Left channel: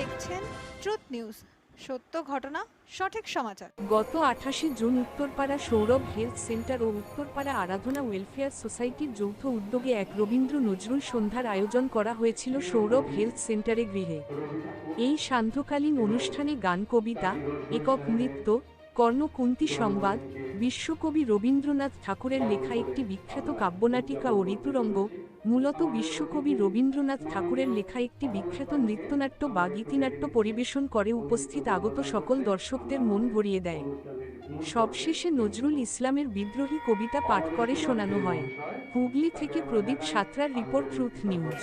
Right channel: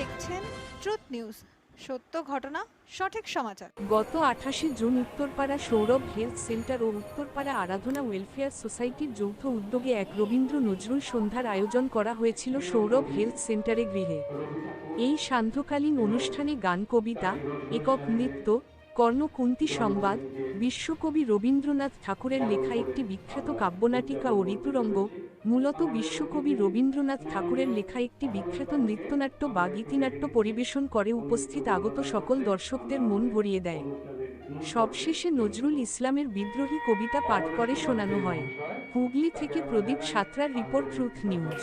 দেখছেন truth news, সত্য ঘটনা সঠিক সমাচার। গত 28 June Uttarpara Sourav health centre ও উত্তরপাড়া আরাধনা ওয়েলফেয়ার সোসাইটির যৌথ উদ্যোগে এক রবীন্দ্র নজরুল সন্ধ্যার আয়োজন করা হয়েছিল সৌরভ হেলথ সেন্টারে গৃহে। এই সান্ধ্যকালীন অনুষ্ঠানে গান, কবিতা, একক নৃত্য, কর্ণকুন্তী সংবাদ, বিশ্বকবি রবীন্দ্রনাথ ঠাকুরের লেখা একটি বিখ্যাত কাব্যনাটিকা ও ঋতুরঙ্গ, মূলত বিশ্বকবি রবীন্দ্রনাথ ঠাকুরের লেখা একটি বিখ্যাত নৃত্যনাট্য বা গীতিনাট্য পরিবেশন করে উপস্থিত আগত সকল দর্শকদের মন ভরিয়ে দেয়। সবশেষে নজরুল ইসলামের বিদ্রোহী কবিতা পাঠ করে শোনানো হয়। হুগলি থেকে প্রদীপ সাঁতরার রিপোর্ট, ট্রুথ নিউজ।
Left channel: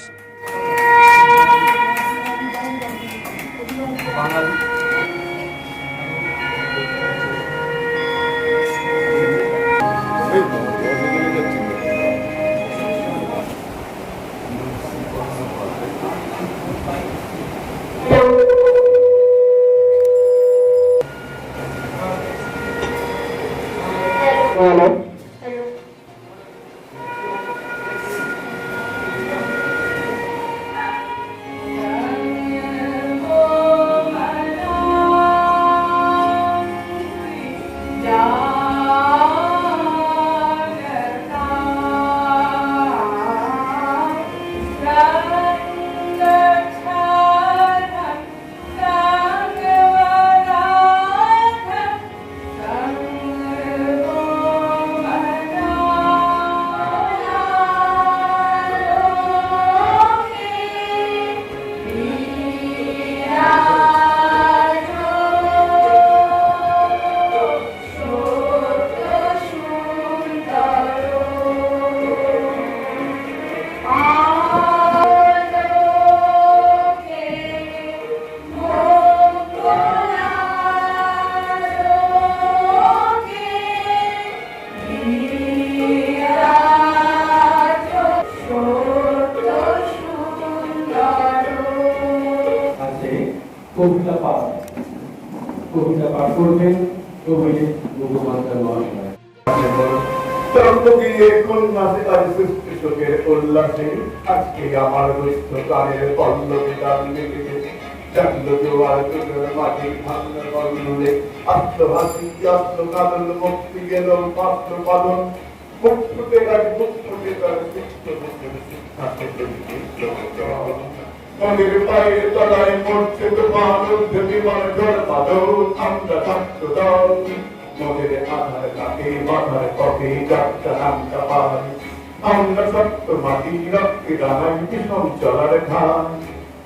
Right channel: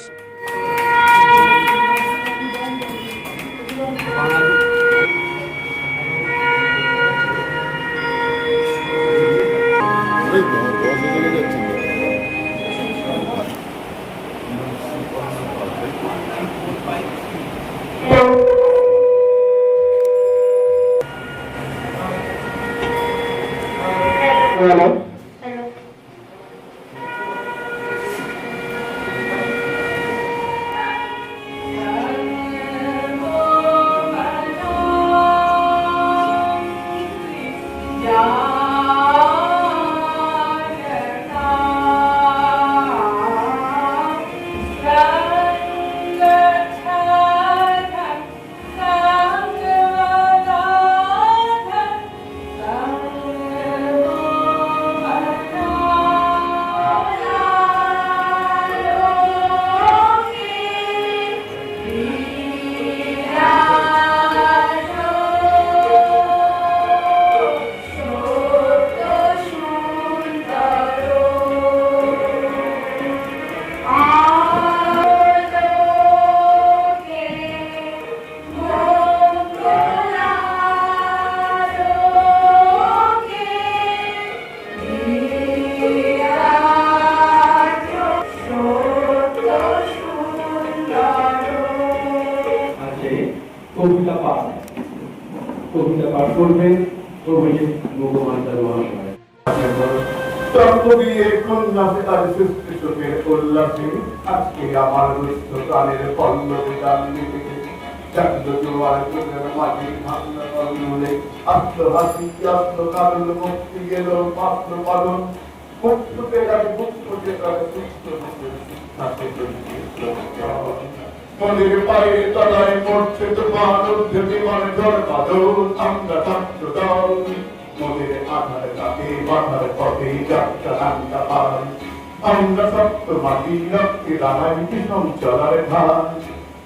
কবিতা পাঠ করবেন অভিজিৎ মুখোপাধ্যায় মহাশয়। উল্লাসে আজকে আমার দুস্থ প্রাণের পল্লবে গান লেগেছে। চান্দ জোয়ার চোখের মাটি ভাঙা কর্ণলে আত্মহাসি আত্মকারণ মুক্তি গেল পাত্র পালন মুক্তকে গাছ মুক্তকে গাছ মুক্ত মনের পায়ের তলায় পড়ছে তোমার ঊর্ধ্বে বিমান ঝড় বাদল। আমরা ছাত্র দল মনের আধার কাকে বাধার পথে যাত্রা আমরা পাই। আমরা সত্য মাটি রক্তে রামাই বিষম চলার ঠাই।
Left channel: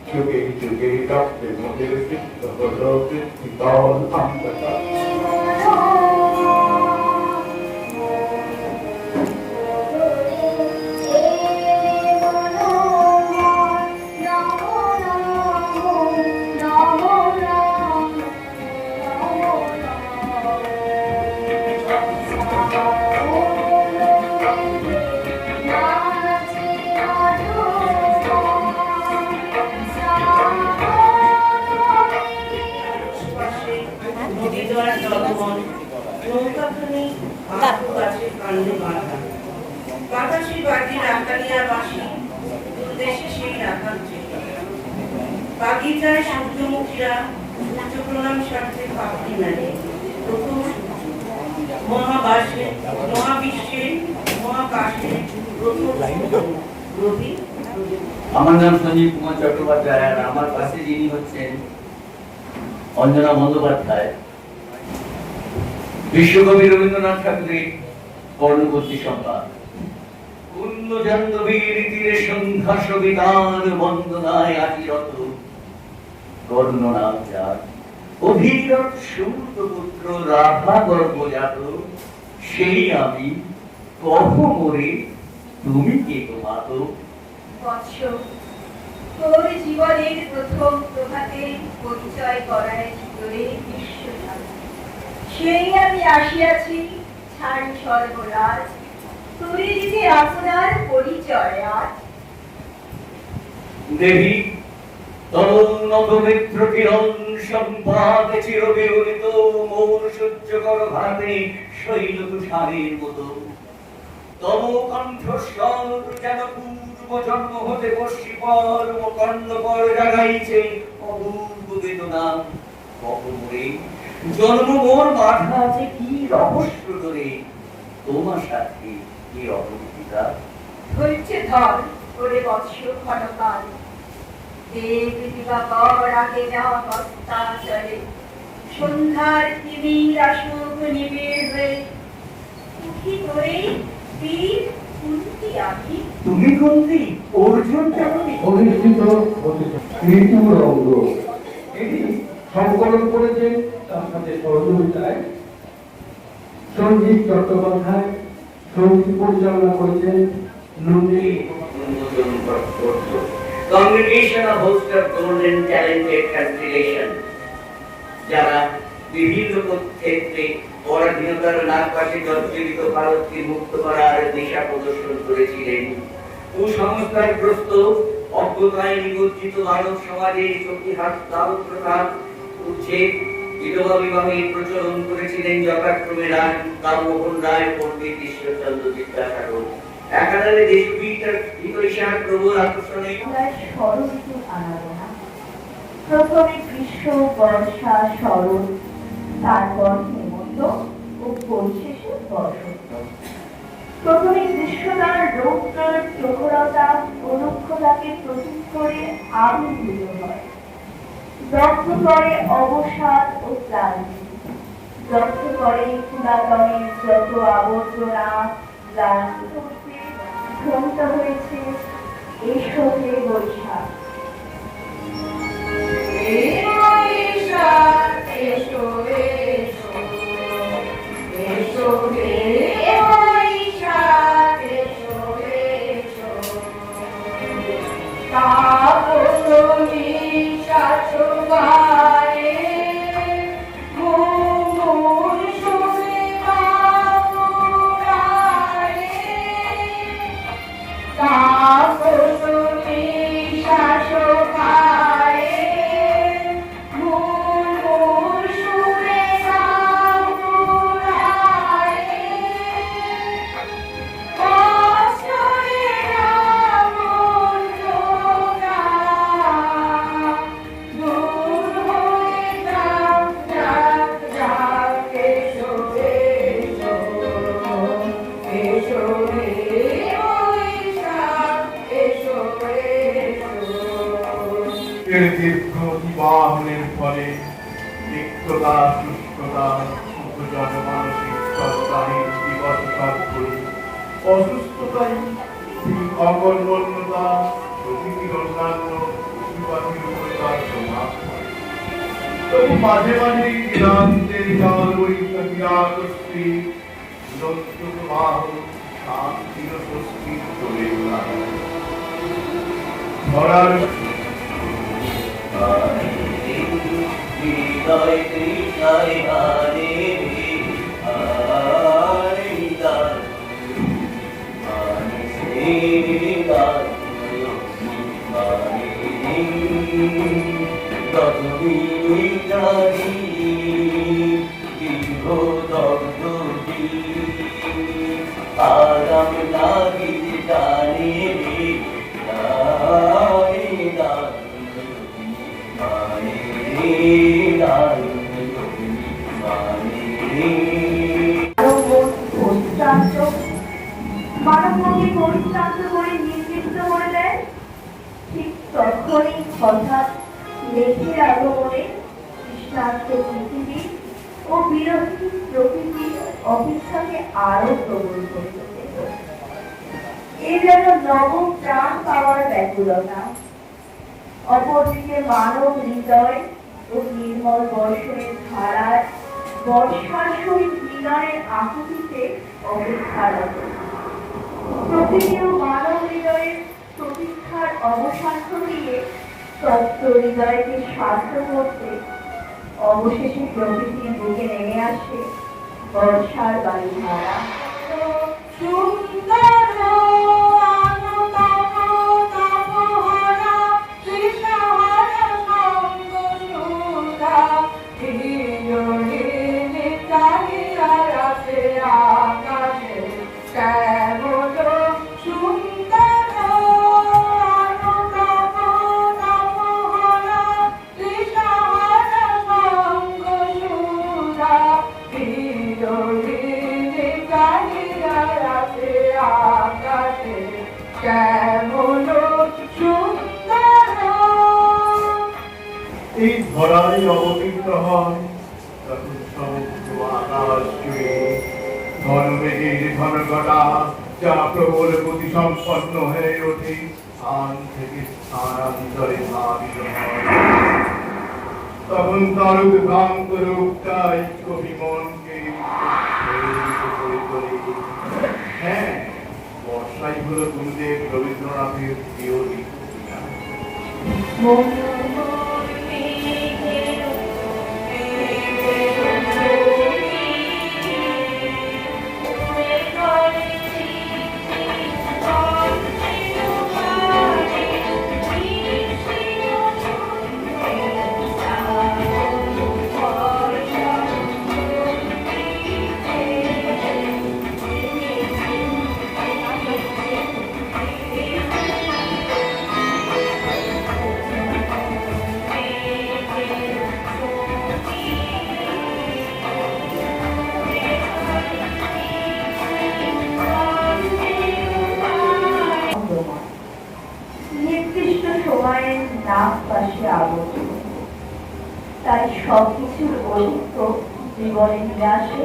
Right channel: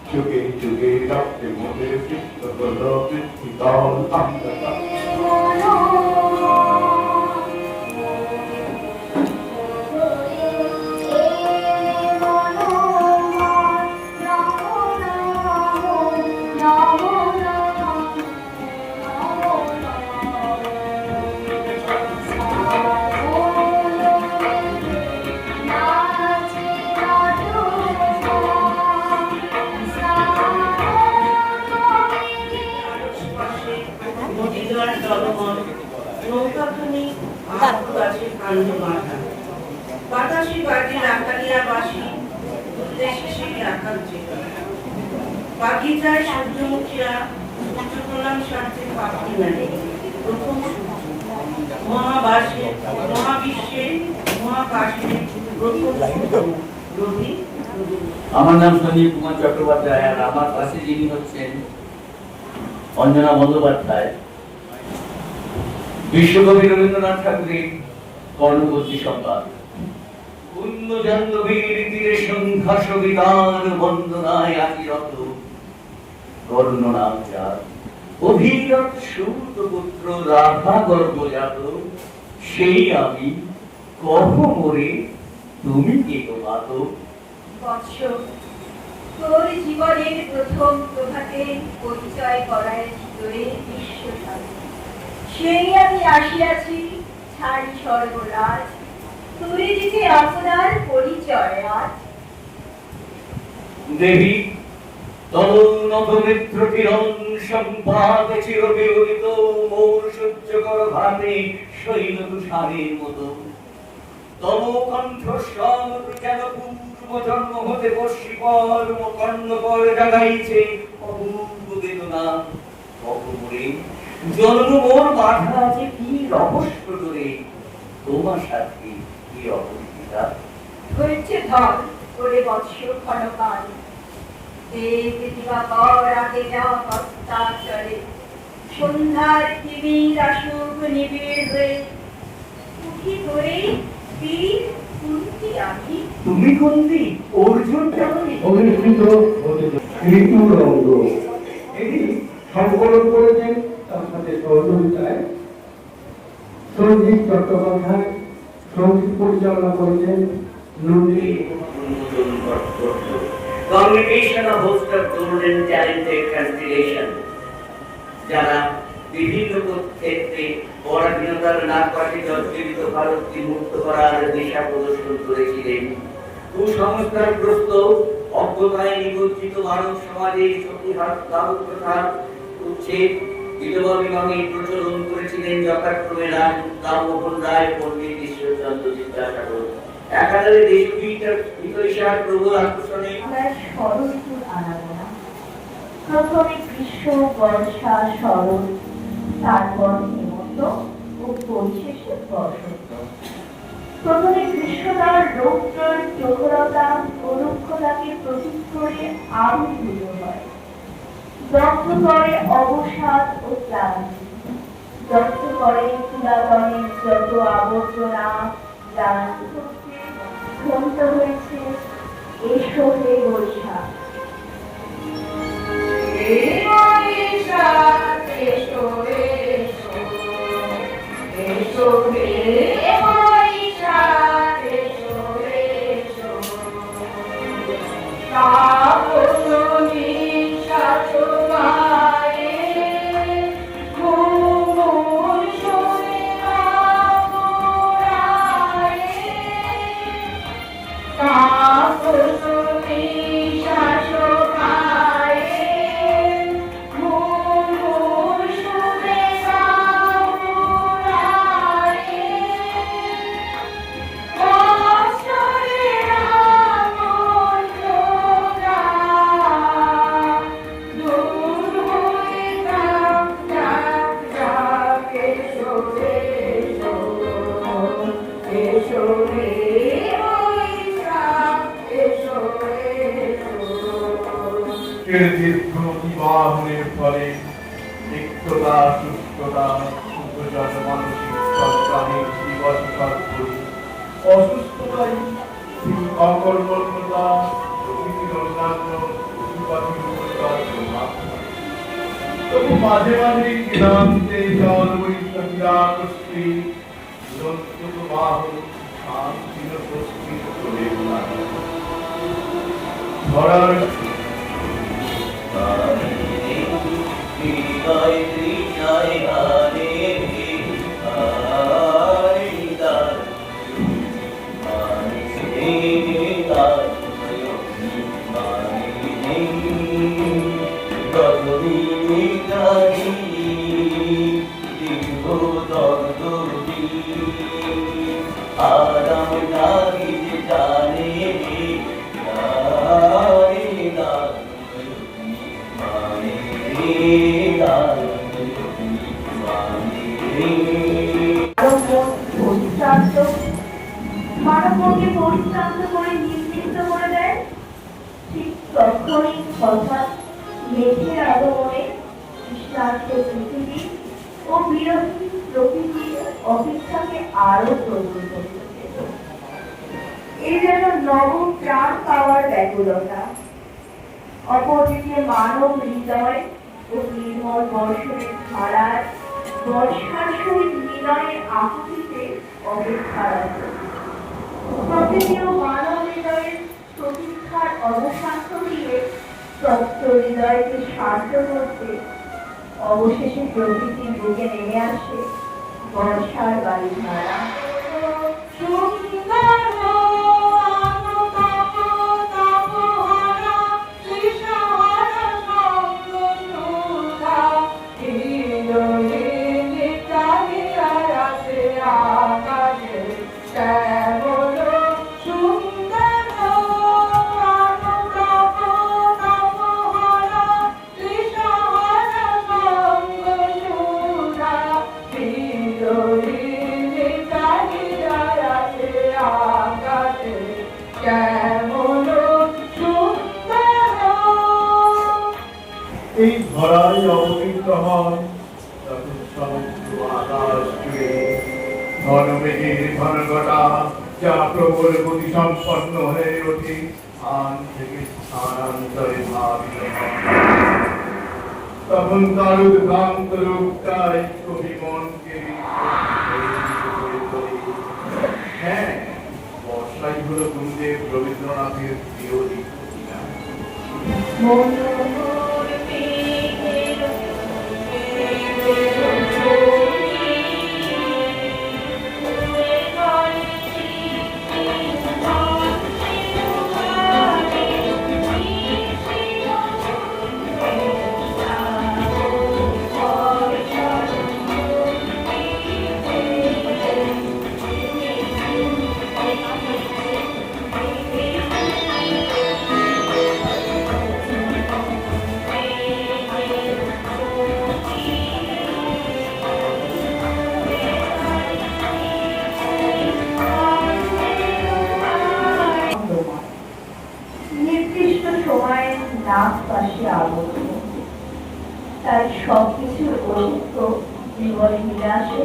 যুগে যুগে রক্তে মনের সিদ্ধ হল পৃথিবী দল। আমরা বাগিচায় সূর্যমুখীরা সূর্য প্রণাম স্বার্থে পাখি নাড়ে। প্রথম মহাবাসে মহাবিশ্বে মহাকাশে প্রথম রবি। আমার নাম সঞ্জীব কুমার চট্টোপাধ্যায়, আর আমার পাশে যিনি হচ্ছেন অঞ্জনা বন্দ্যোপাধ্যায়। বিশ্বকবি রবীন্দ্রনাথ ঠাকুরের কর্ণকুন্তী সংবাদ। পূর্ণ জাহ্নবীর তীরে সন্ধ্যা সবিতার বন্দনায় আচিরত কর্ণনাথ জাত অভিরত সুত পুত্র রাধা গর্ভজাত। সেই আমি কহ মোরে তুমি কে গো মাত। বৎস, তোর জীবনের প্রথম প্রভাতে পরিচয় করায় ভিতরে বিশ্বসার। সেই আমি আসিয়াছি ছাড়ি সর্বরাজ, তুই দিকে আপনার পরিচয় আজ। দেবী তলোন্নত নেত্র কিরণ সম্পাদ চিরবিউলিত মৌর সহ্য কর ভাতে শৈল তুষারের মতো। তব কণ্ঠস্বর কেন পূর্ব জন্ম হতে বর্ষি পর কর্ণ পর জাগাইছে অভূত বেদনা কবরে জন্ম মোর মাথা আছে কি রহস্য ধরে তোমার সাথে কি অপরিচিতা ধৈর্য ধর ওরে বৎস ক্ষণকাল দেব দিবাকর আগে যাওয়া কর্তা চলে সন্ধ্যার তিমির আসুক নিবিড় হয়ে উঠি ধরে বীর কুন্তি আমি তুমি কোনটি অর্জুন কেমন অধিষ্ঠিত হতে ঋতুর অঙ্গ এটি সংকলন করেছেন তার সাথে সহযোগিতায় সঞ্জীব চট্টোপাধ্যায়, সঙ্গীত পরিচালনা করেছেন Nandini. Congregation of host of golden talented constellation যারা বিভিন্ন ক্ষেত্রে পরাধীনতার নাক পাশে জর্জরিত ভারতকে মুক্ত করার দিশা প্রদর্শন করেছিলেন কুসংস্কারগ্রস্ত অজ্ঞতায় নিমজ্জিত মানব সমাজের সতীহাত দাহ প্রথা উচ্ছেদ বিধবা বিবাহের প্রচলন করেছিলেন যথাক্রমে রামমোহন রায়, পণ্ডিত ঈশ্বরচন্দ্র বিদ্যাসাগর। একাধারে দেশবিদ হিতৈষার প্রবল আকর্ষণে আমরা ষড়ঋতুর আনাগোনা প্রথমে গ্রীষ্ম বর্ষা শরৎ তারপর হেমন্ত ও পরিশেষে বসন্ত প্রথমে গ্রীষ্মকাল রৌদ্রের প্রখরতা ও রুক্ষতাকে প্রতীক করে আবির্ভূত হয় দগ্ধ করে অবসাদ ও ক্লান্তি দগ্ধ করে পুরাতনের যত আবর্জনা ক্লান্ত করতে ধ্বনিত হয়েছে এসো হে বৈশাখ এর দীর্ঘ বিবাহের ফলে তিক্ততা শুষ্কতা উপজাত মানসিক সপ্তাহের বিবর্তন করে অসুস্থতায় অকর্মণ্যতা প্রকৃতির অন্যান্য পশুপাখির উপর তার প্রভাব পড়ে। তবু মাঝে মাঝে ক্লান্তে জল বৈশাখী নৃত্য প্রবাহ শান্তির স্বস্তি চলে ওঠা ধরার আরাম লাগি জানে মানবকে পরিশ্রান্ত করে নির্লিপ্ত করে দেয় ঠিক তখনই হঠাৎ মেঘের আগমনে কৃষ্ণার্থ পৃথিবী ও বিরোধী প্রকৃতি অপেক্ষাকে আরো প্রবল করে তোলে। এই যেন নবম প্রাণ পাওয়ার ব্যাকুলতা অপরদিকে মানব হৃদয় ও নির্মল বর্ষণের ধারার বর্ষার সহিত বিনয়ের আকুতিতে অপেক্ষারত প্রকৃতি ও মানব হৃদয়ের প্রতীক্ষার অবসান ঘটিয়ে তপ্ত হৃদয়কে শান্ত করতে অবশেষে প্রকৃতির বুকে নেমে আসে বর্ষার বায়ুধারা। ধরাই অবতীর্ণ হয় তখন সমুদ্র আকাশ জুড়ে ঘন মেঘের ঘন ঘটা যা প্রবল গতি সম্পন্ন হয়ে ওঠে স্থান থেকে স্থানান্তরে ধাবিত হয়। তখন তার উদ্ভ্রান্ত রূপটাই কবি মনকে করে তোলে। হ্যাঁ, বর্ষাই হলো গুরুদেব রবীন্দ্রনাথের প্রিয় ঋতু। নির্দিষ্ট সময়ের নাম পাশে আবদ্ধ, তাই সবকিছুর অসুস্থ জীবনে নিরাশে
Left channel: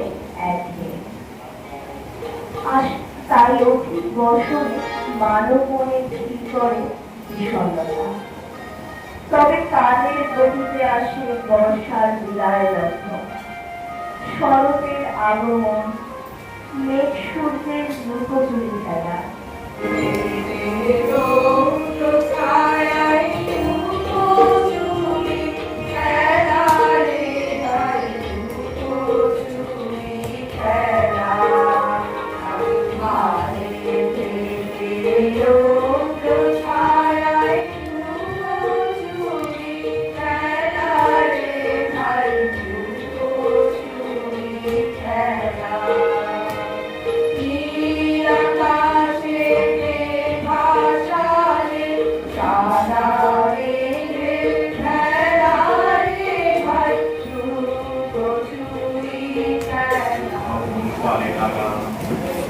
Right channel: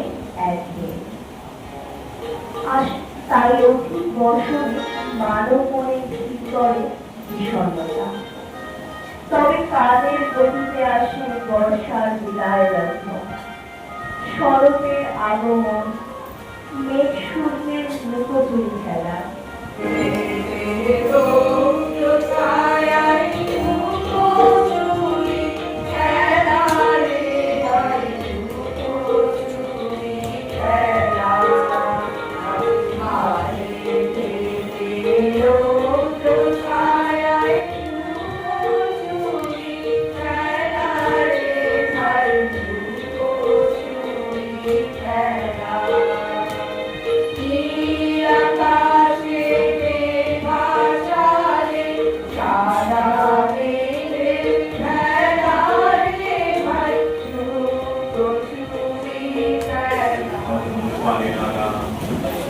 একদিন তাই অধিক বছরে মানব মনে ভিড় করে বিষণ্ণতা। তবে কালের গতিতে আসে বর্ষার বিদায় লগ্ন, শরতের আগমন, মেঘ সূর্যের লুকোচুরি খেলা।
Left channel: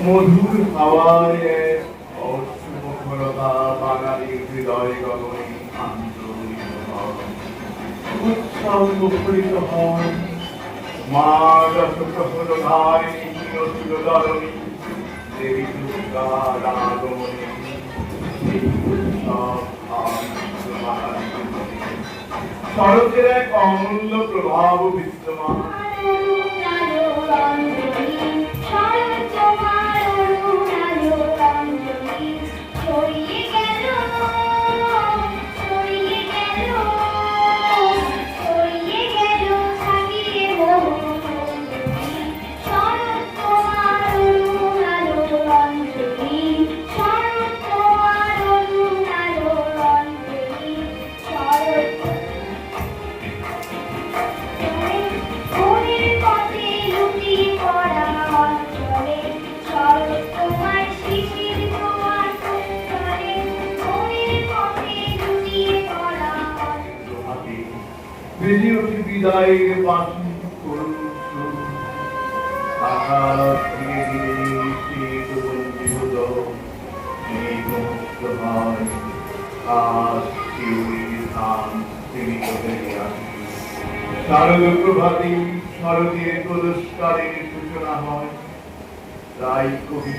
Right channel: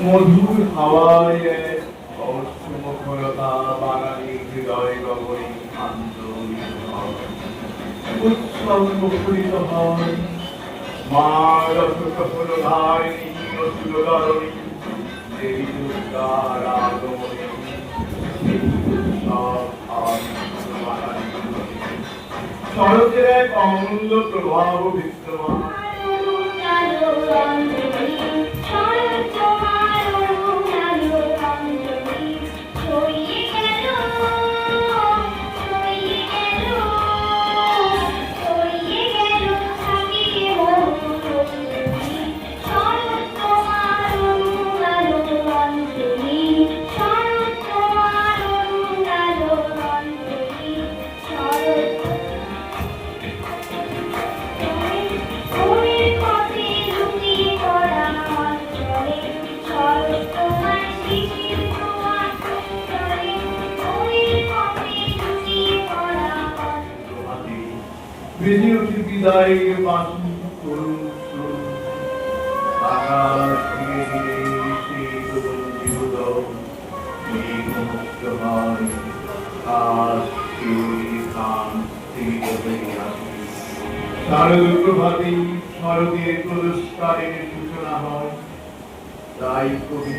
মধুর হাওয়ায় অশ্বমুখরতা বাঙালির হৃদয় গগনে আন্দোলিত হয়, উৎসব মুখরিত হয়। মা রসকহন ধায় নতুলধরণী দেবী দুর্গার আগমনে এই উৎসব বাঙালি শরতের এক অমূল্য প্রভাব বিদ্যমান। বেজে ওঠে বিদায়ের বাঁশি করুণ সুর, আকাশ ধীরে ধীরে শীত বঞ্চিত মেঘমুক্ত হয়, আজ শিউরির স্থান স্থিরিত হয়ে আসে। শারদ প্রভাতী শারদীয় পুরস্কারের সূচনা হয়, তাই কবি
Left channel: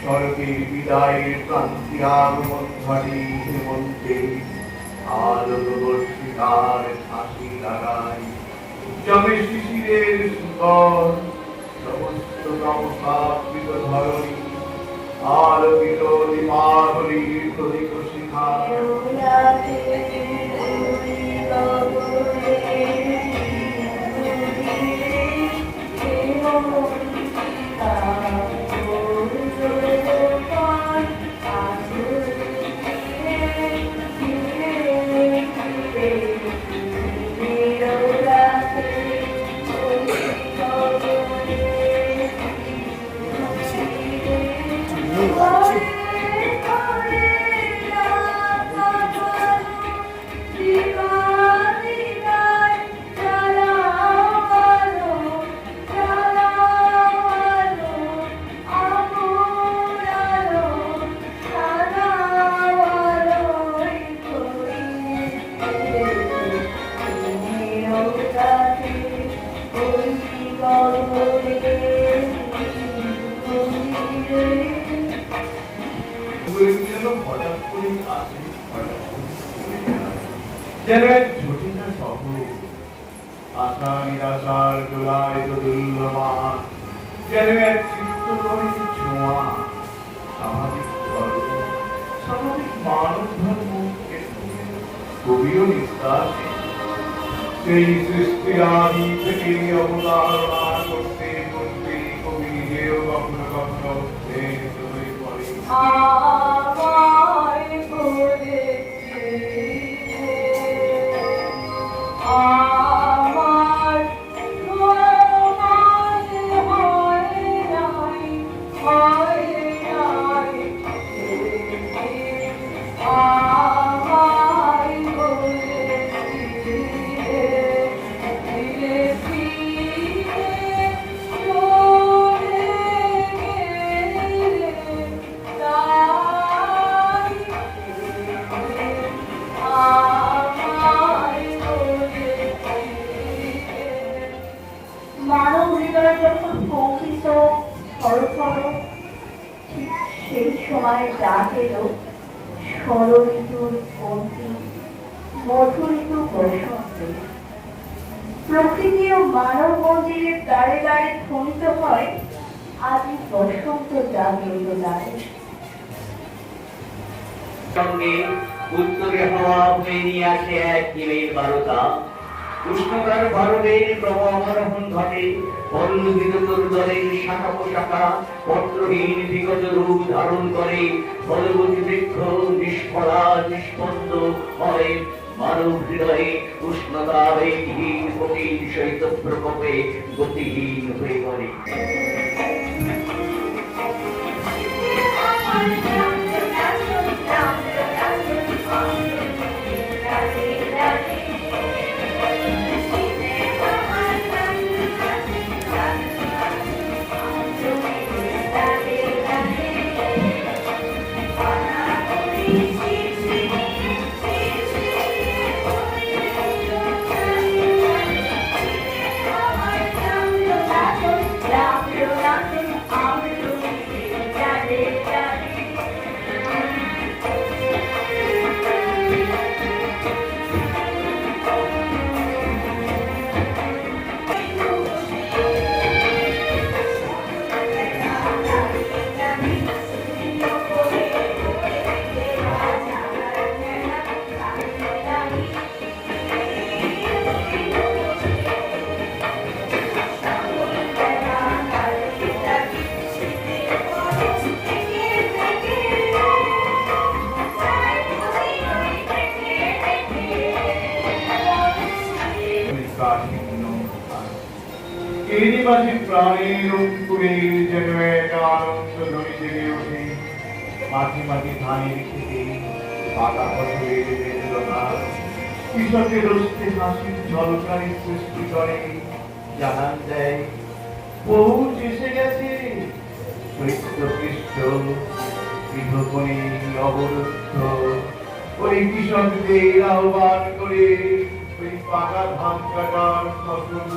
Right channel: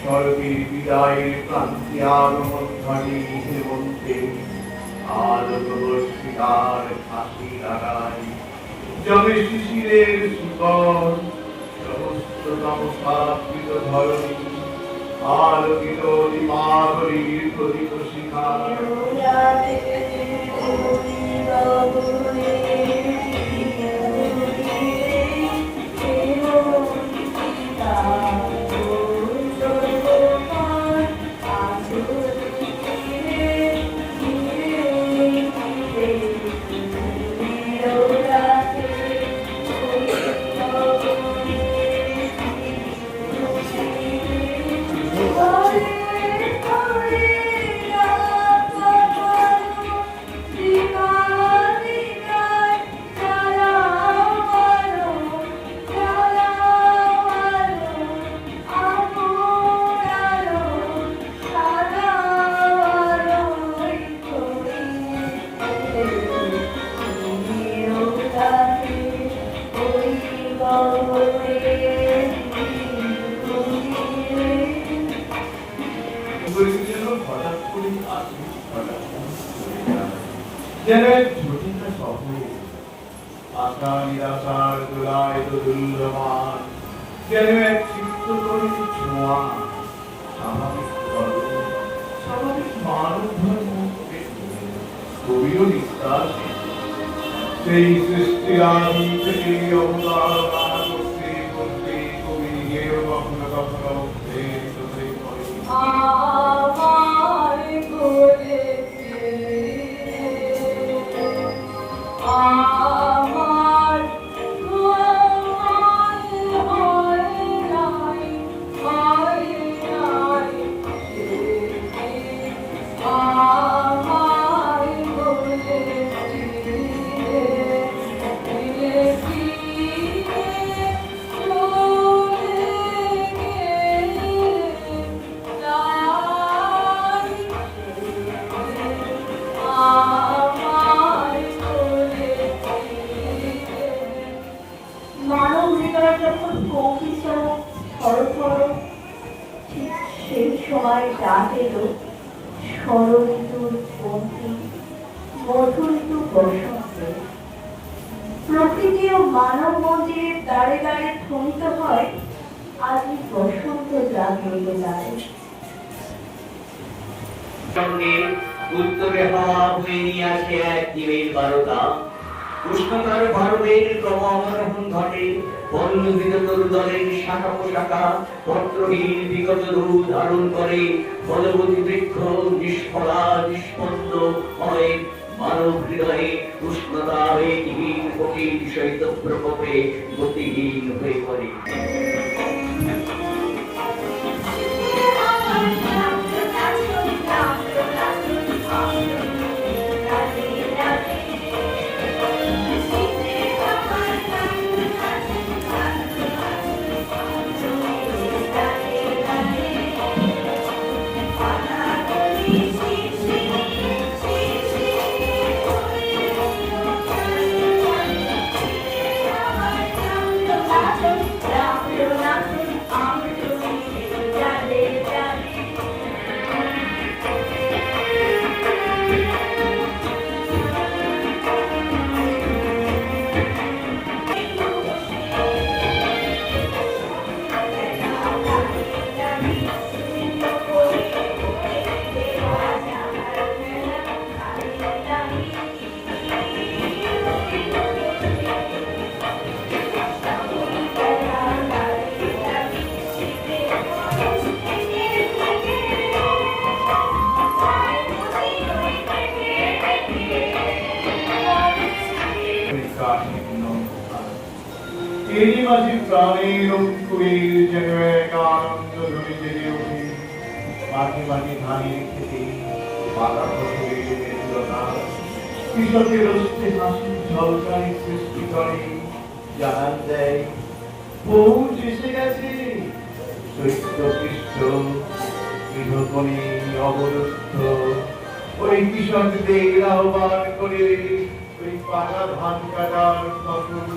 শরতের বিদায়ের ক্রান্তি আগমন ঘটে হেমন্তে আলোকবর্ষিতার ফাঁসি লাগায়, জমে শিশিরের সুতর সমস্ত তমসাকৃত ধরণী আলোকিত দীপাবলির প্রদীপ শিখায়। করে যেন হঠাৎ করে আসে, হঠাৎ চলে যায়। যেন এক জটিল শহর, আশা নিরাশার দোলায় দোদুল্যমান, যেন এক চিত্তকরী ছোঁয়া, স্বাভাবিক ধর্ম, স্বাভাবিক মানব ধর্ম, কবিও নিঃশ্বাসে সেই সৃষ্টি আদি থেকে অবতারণা করতে করতে কবি যেও কখনো কখনো উদ্বেলিত হয়ে পড়ে। আমায় বলেছে আমার মানব হৃদয় যখন কঙ্কিত থরথর, ঠিক সেই সময় ডাক এলো ষড়ঋতুর অন্তিম মধু ঋতু বসন্তে। প্রকৃতি ও মানব মন্দিরের দ্বারে দ্বারে ধ্বনিত হয় আজ বসন্ত জাগ্রত দ্বারে। সঙ্গে উত্তরে হাওয়া বয়ে নিয়ে আসে এক দিনের বারতা। উষ্ণতার ভারতের ক্রমাবরোহণ ঘটে, পল্লবিরতর দলের শাখা পোশাখা পত্রহীন বিগত রূপ ধারণ করে। ফলবতী বৃক্ষ নিষ্ফলা নিষ্পন্দ হয়, মানব হৃদয়ে উষ্ণতা বেগহীন কঠিন শৈত্য প্রকোপে গতিহীন হয়ে পড়ে। এরই মাঝে প্রাণের অঙ্কুরের যেন এক আনন্দ ধ্বনি জেগে ওঠে। মাঝে মাঝে ধানের খেতে পাকা ফসলের বেদনা কৃষকের রস্তে হাসির ঝলকায় সৃষ্টি করে, জানান দেয় পৌঁছ এসে গেছে। চৈত্র কৃষ্ণ গৃহকোণে অবরুদ্ধ ওই কৃষকদের আহ্বান করে ওই পাকা ধান কাটার ফসল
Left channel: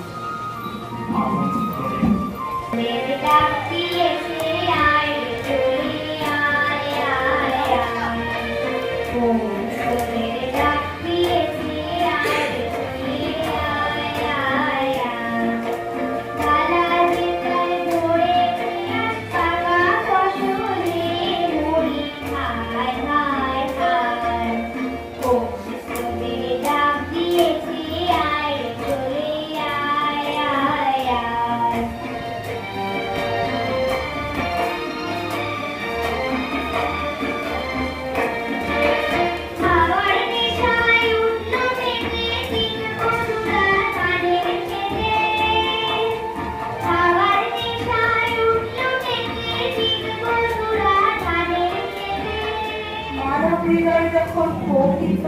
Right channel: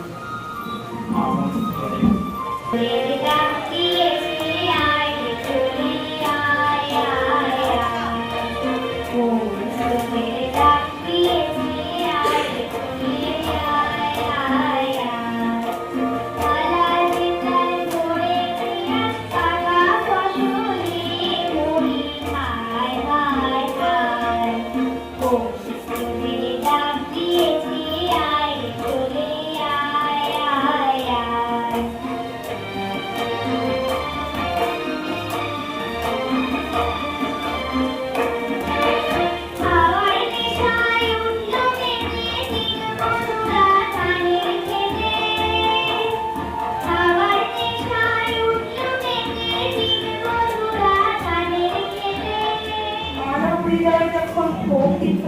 হৃদয় যখন কঙ্কিত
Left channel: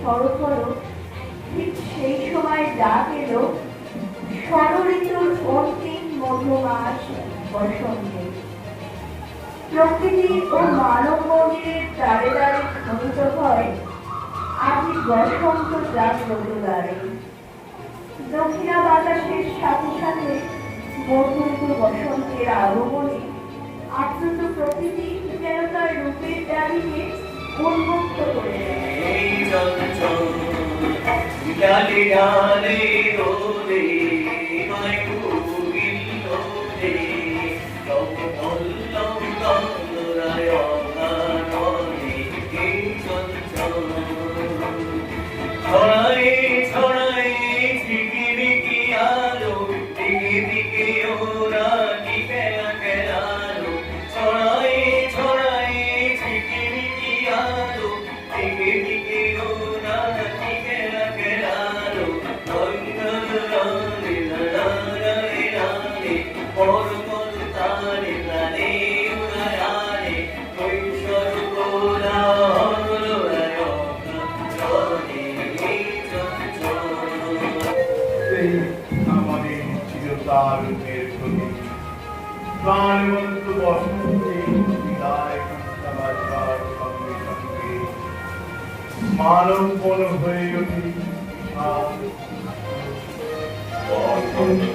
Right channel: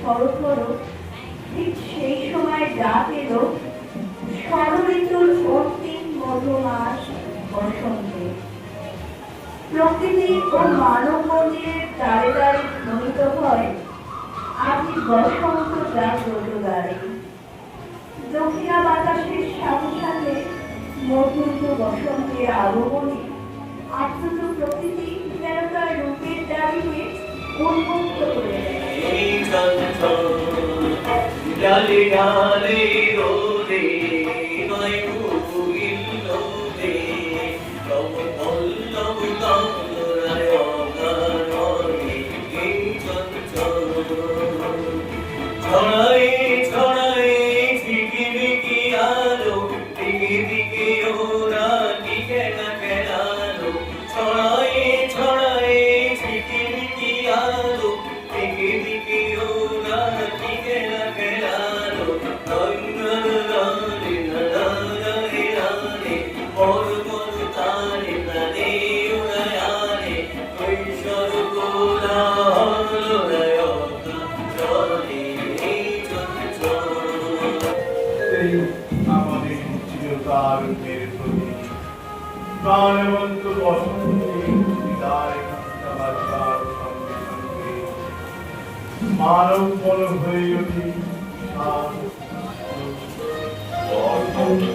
থরথর, ঠিক সেই সময় ডাক এলো ষড়ঋতুর অন্তিম মধুমাস বসন্তে। প্রকৃতি ও মানব মন্দিরের দ্বারে দ্বারে ধ্বনিত হয় আজি বসন্ত জাগ্রত দ্বারে। দক্ষিণা বাতাসের সাথে সাথে মধুর বসন্তের আগমনে আপ্লুত প্রকৃতি যেন তার রূপের দ্বারে চঞ্চল ডালে ডালে দোলে নয় কোকিল দোলে লব লব তরায় অকারণে কে চঞ্চল ছড়ায় ছড়ায় ঝিকিমিকি আলো দিকে দিকে ওরা টিকে না কেলালো ছড়ায় ছড়ায় ঝিকিমিকি আলো দিকে দিকে ওরা টিকে না কেলালো রানে রানে রানে পর পর তারে প্রাণে উড়ায়ানে কৈশোর গোলা হলো রায়কা চলে চঞ্চল এই আমাদের চিরকাল মেরুনি প্রাণবন্ত বসন্তে বিদায় বাজবার সঙ্গে সঙ্গে মানব মন হয়ে ওঠে বিশাল বরকতি।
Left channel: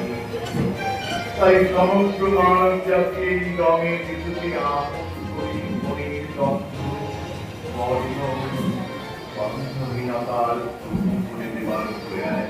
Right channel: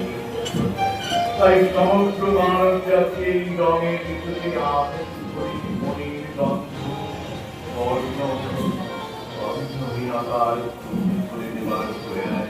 তাই সমগ্র মানব জাতি এই রঙের ঋতুতে আহত করি মনের গন্ধ বর্ণ গন্ধহীনতার করে দেবার প্রয়াস।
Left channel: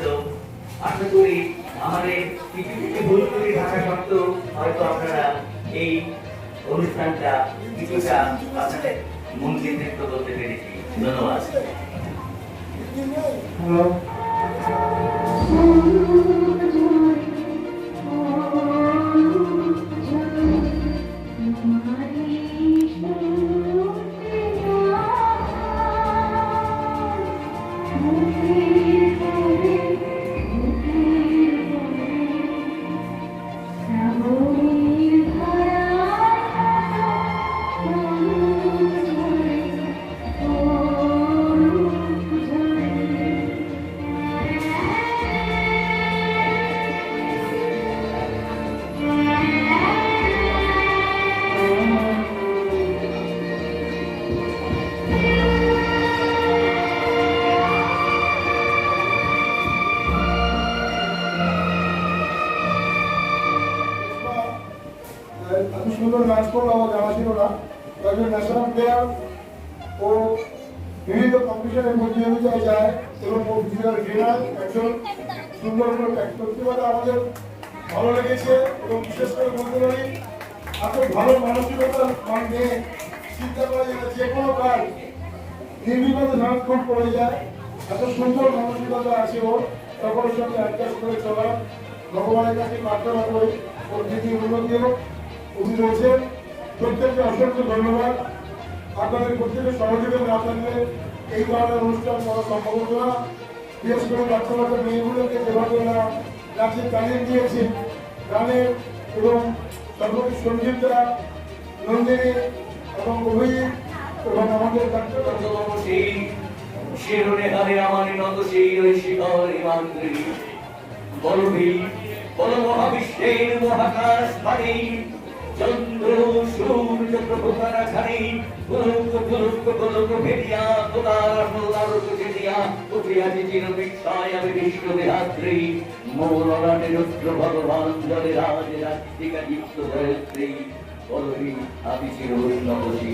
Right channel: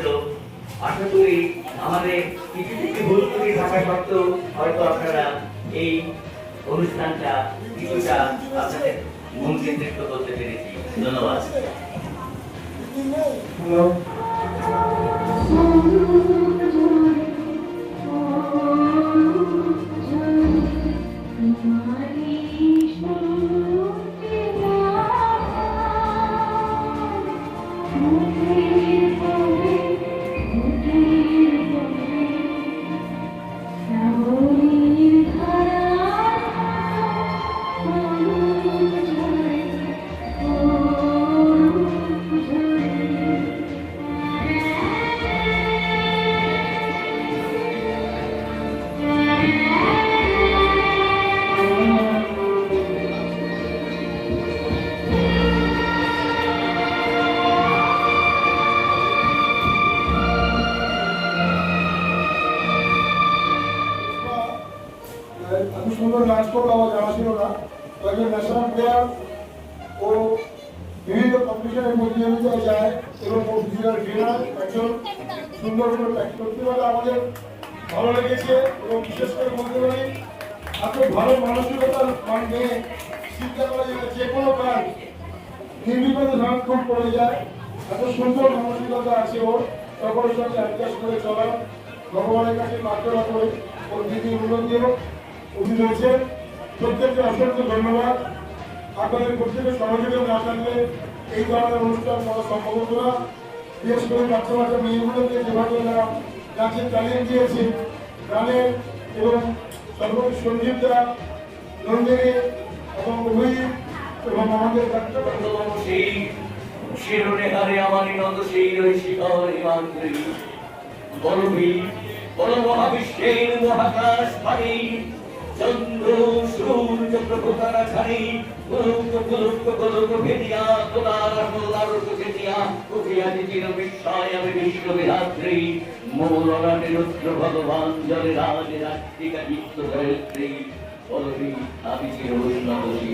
তো আশা করি আমাদের কিছু কিছু ভুল ত্রুটি থাকা সত্ত্বেও হয়তো আপনারা এই অনুষ্ঠানটা কিছুটা আপনাদের মন কেন্দ্রিত করতে পেরেছি। ধন্যবাদ। হ্যালো এত সুন্দর নাচ করলো আমার জানা ছিল না। একজন ন্যাশনাল প্লেয়ার ও বিভিন্ন কম্পিটিশনের প্রতিযোগিতায় যায় এবং প্রতিযোগিতার বিনায় একজন সুন্দর করে প্র্যাকটিস করতে পারে আমাদের ভালো লেগেছে। এবং বিশেষ করে বলতে পারি এত ভালো মানসিকতার মানে চিন্তা করা যায় যে কোনো কাজ নির্বিঘ্নে সারাক্ষণ পড়ে যায়। এত সুন্দর মানসিকতা আছে ওর, সকলের সঙ্গে অ্যাডজাস্ট করে চলা। ভগবানের কাছে প্রার্থনা করে ওর দিদি উন্নতি হোক। উনি রয়েছেন প্রত্যেককে অসংখ্য ধন্যবাদ। আপনাদের প্রত্যেকের সহযোগিতা না থাকলে এই ধরনের অনুষ্ঠান করা সম্ভব হতো না। বিশেষ করে বাচ্চা বাচ্চা মেয়েগুলোকে যেভাবে ওনারা নাচের তালিম দিয়েছে, গানের এবং সর্বোচ্চ সঞ্জীবরা নন্দিনী এবং অভিজিৎ এবং আমাদের সেই শিরোনে হারে আমার নত সেই ওই শিখর হিমাদ্রি বলভি বল মহাবিশ্বের মহাকাশ পানি চন্দ্র সূর্য প্রভুতারা ছাড়ি গোলক গোলক গোলক ভেদিয়া তোলার সোলার ভেদিয়া উঠিয়া চির বিস্ময় আমি বিশ্ববিধাত্রী মৌলরানে রুদ্র ভগবান জলে রাজে রাত্রিকা যুক্ত হয়েছে বলভি আমি চির উন্নতি।